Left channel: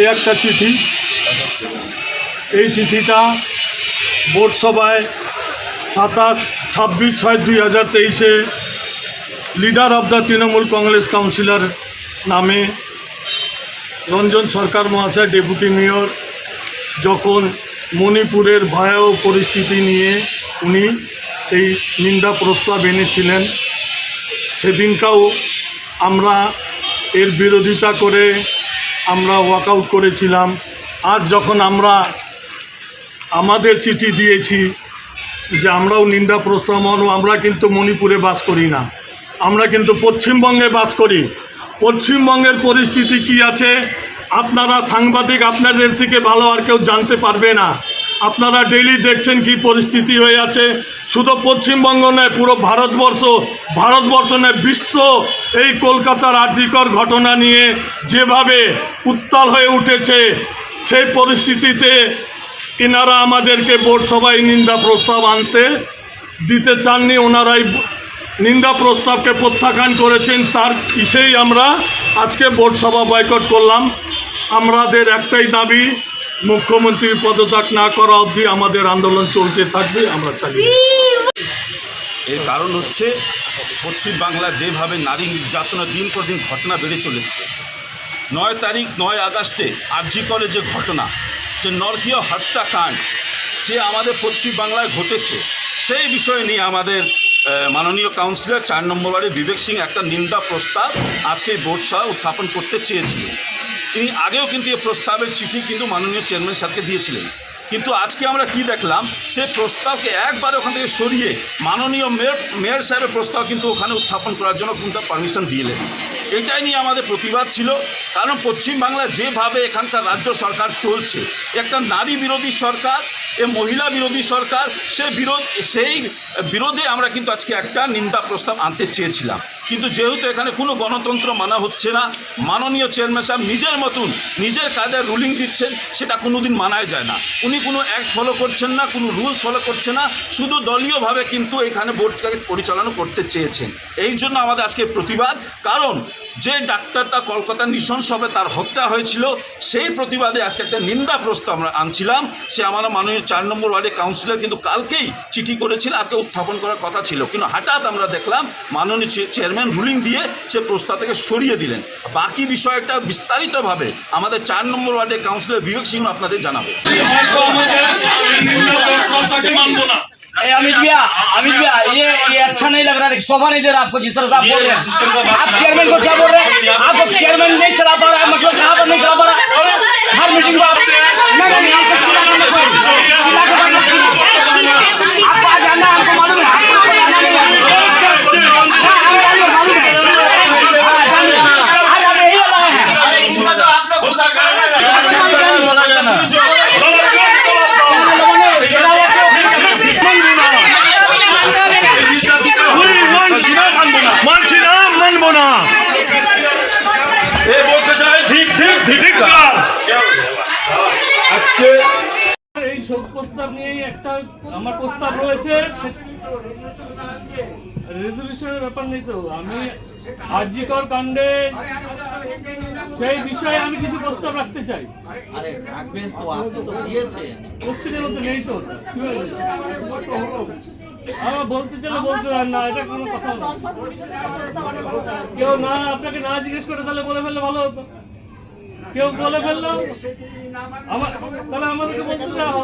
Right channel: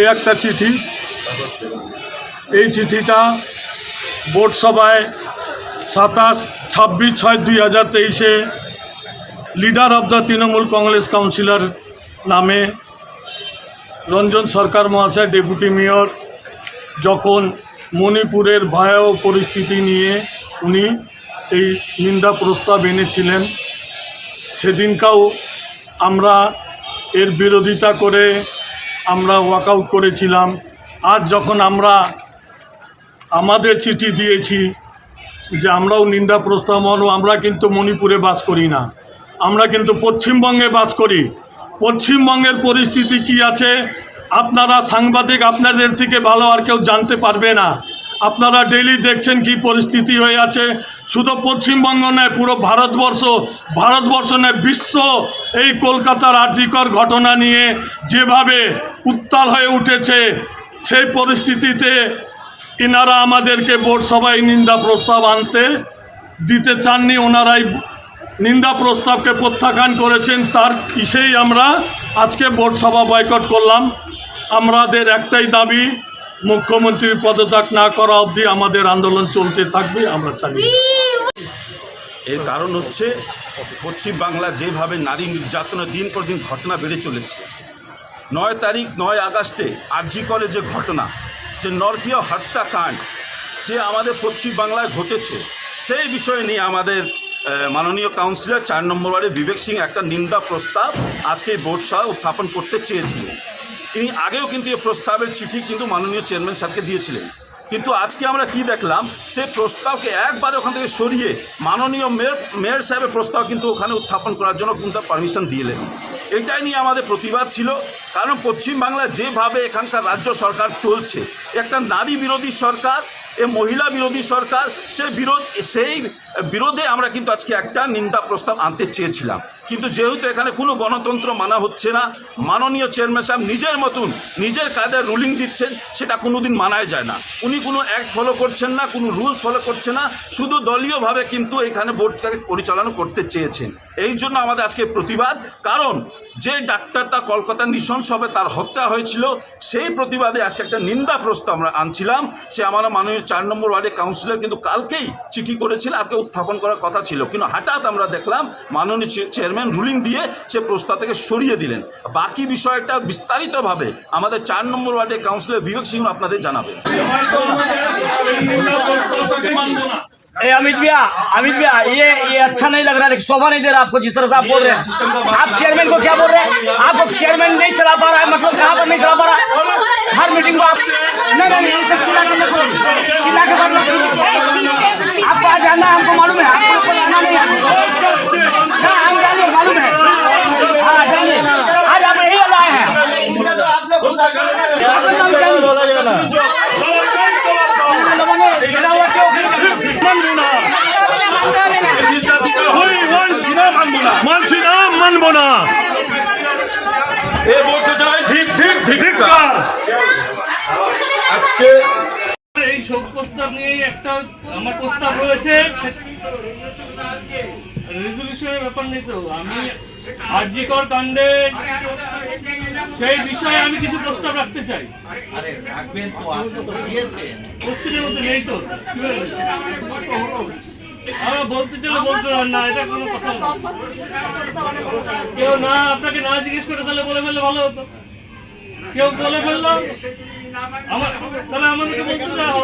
এই একটা চিঠি। এই চিঠিটা বোর্ড সভায় 26/6/2023 leader of the Trinamool Congress councillor নামে রঞ্জন সরকার মহাশয় ডেপুটি মেয়র যখন মণিপুরের ভয়াবহ পরিস্থিতি নিয়ে উনি এই নিন্দা প্রস্তাব এনেছিলেন, সেদিনকাও আমরা এর বিরোধিতা করে আমরা ওয়াকআউট করেছিলাম। আজ যখন আমরা আমাদের চিঠি দিয়েছি যে আমরাও নিন্দা প্রস্তাব, আমরা কিন্তু মণিপুরে বাস করি না, আমরা কিন্তু পশ্চিমবঙ্গে বাস করি। পশ্চিমবঙ্গের পরিস্থিতি কি আছে আপনারা সাংবাদিক আপনাদের থেকে ভালো আর কেউ জানতে পারবে না। আপনারা ডেইলি দেখছেন কি পরিস্থিতি হয়ে আছে। শুধু পশ্চিমবঙ্গ নয়, পুরো ভারতবর্ষ নয়, বিশ্ব এই কলকাতার আরজিকর ঘটনা নিয়ে যেভাবে উত্তাল হয়ে উঠেছে, সেই পরিস্থিতিতে এনারা আমাদেরকে বোর্ড সভায় নিন্দা প্রস্তাব আনতে দিতে চাননি। ওনারাই নিন্দা প্রস্তাবকে প্রত্যাখ্যান করেছেন। তার ইসেই আমরা আজকে বোর্ড সভা বয়কট করলাম। আমাদের একটাই দাবি, মুখ্যমন্ত্রীর পদত্যাগ না করা অবধি আমাদের আন্দোলন চলতে থাকবে, আমরা চালিয়ে। এর কারণ হচ্ছে পশ্চিমবাংলার যেভাবে নারী নির্যাতনের দিন পর দিন ঘটনা বেড়ে চলেছে। 9 আগস্টে আরজি কলেজে ঘটনা, যে নরকীয় হত্যাকাণ্ড যে আমাদের পশ্চিমবাংলায় ঘটেছে, সেই বিষয় নিয়ে আমাদের মাননীয় কাউন্সিলর 4 নম্বর ওয়ার্ডে বিবেক সিং একটা নিন্দা প্রস্তাব আজকে বোর্ড সভা উত্থাপন করতে চেয়েছিলেন। তিনি আগেও কিন্তু এই প্রস্তাবের চিঠি কিন্তু মাননীয় চেয়ারম্যান সাহেবকে দিয়েছিলেন, কিন্তু আজকে আমরা কি দেখলাম, সেই প্রস্তাবকে একবার ওখান থেকে সরিয়ে মাননীয় মেয়র সাহেবের প্রস্তাব কিন্তু ওখানে উত্থাপন করার জন্য কিন্তু পারমিশন দিলেন। এটাই নিয়ে আমাদের প্রতিবাদ ছিল। কারণ পশ্চিমবাংলায় যেভাবে এখানকার রাজ্য সরকার চলছে, একটা নারী বিরোধী সরকার, মহিলা বিরোধী সরকার, সেই বিরোধে আমরা কিন্তু আজকে একটা নিন্দা প্রস্তাব আনতে চেয়েছিলাম। কিন্তু যেহেতু এখানে কোনো গণতন্ত্র মানা হচ্ছে না, মাননীয় চেয়ারম্যান সাহেব নিজের মতন নিজের কায়দায় রুলিং দিচ্ছেন, সেটা কোনোদিন মানাই যায় না। উনি কোনো অ্যাক্ট ফলো করছেন না, কোনো রুলস ফলো করছে না, শুধু দলীয়ভাবে কিন্তু এখানে বোর্ডটাকে পরিচালনা করতে চেয়েছেন। এই জন্য আমাদের আজকে প্রতিবাদ। কারণ যে ডাক্তারটা কলকাতা নৃশংসভাবে তার হত্যা হয়েছিল, সেই প্রতিবাদে আজকে একটা নিন্দা প্রস্তাব আমরা আনছিলাম। সে আমরা মাননীয় 4 নম্বর ওয়ার্ডের কাউন্সিলর কিন্তু কালকেই চিঠি করেছিল, আজকে উত্থাপন করার কথা ছিল, কিন্তু হঠাৎ আমরা দেখলাম মাননীয় চেয়ারম্যান রুলিং দিয়ে সে প্রস্তাব থেকে সরিয়ে দিলেন। বাকি বিষয়টা বিস্তারিতভাবে আমাদের 4 নম্বর ওয়ার্ডের কাউন্সিলর বিবেক সিং আপনাদের জানাবে। अमित भैया ये अच्छा नहीं लग रहा है, शोभा नहीं दे रहा आपको जिस तरह से आप बोल रहे हैं। आप चेयरमैन को क्या बोल रहे हैं? आपको चेयरमैन नहीं चला पा रहा है, मतलब कहाँ पर नहीं चला पा रहा है? हर मीटिंग को आप आपको आज आना है, हमको मालूम है, आपको आना नहीं है, हम जानिए, मालूम है, आज आप यही वाला आए हैं। মানব না, আজকে এই শোক প্রস্তাব নিয়ে একটা আমার প্রস্তাব রয়েছে, রেজলিউশনের ব্যাপার নেই। তো আমি আরজিকর কাণ্ডে সেই বিষয়ে আমি কিছু প্রস্তাব রাখতে চাই। আরে রাখবেন তো, আপনি তো দিয়েছেন, কোশ্চেনের মধ্যে নেই তো, আমরা বলতে চাইলে বলতে পারেন না, এটা কোনো কথা না। কেউ না আপনাকে না জিজ্ঞেস করে তাহলে বলে ফেললে ভালো হতো। কেউ বলে ফেললো, তাহলে আমাদেরকে বলতে চাও,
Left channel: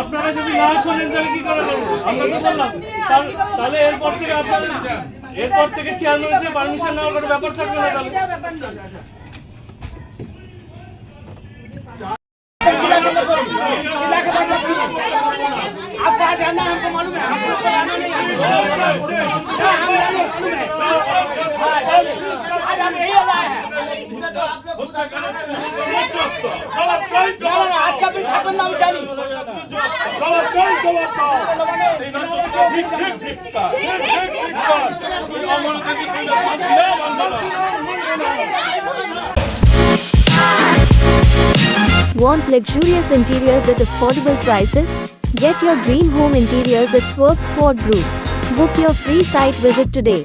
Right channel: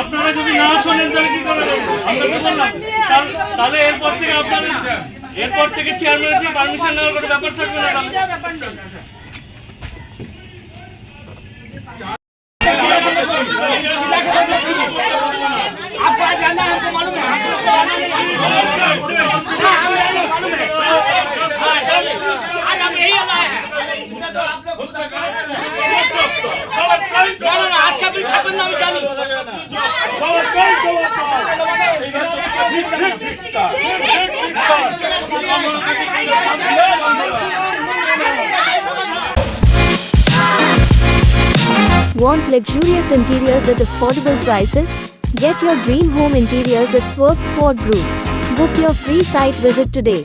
আপনারা যদি না শোনেন তাহলে কি করে দেবো? আমরা তো বললাম, তাহলে এরপর থেকে চেয়ারম্যানের থেকে পারমিশন নেওয়ার কোনো ব্যাপার থাকবে না। आपको आज आना है, हमको मालूम है, आपको आना नहीं है, आज हम यही वाला है। आज का भी छापन नाम जानी Want luxurious interiors at affordable prices? Get your dream home interiors at Swerve Squad Group. Book your free site visit today.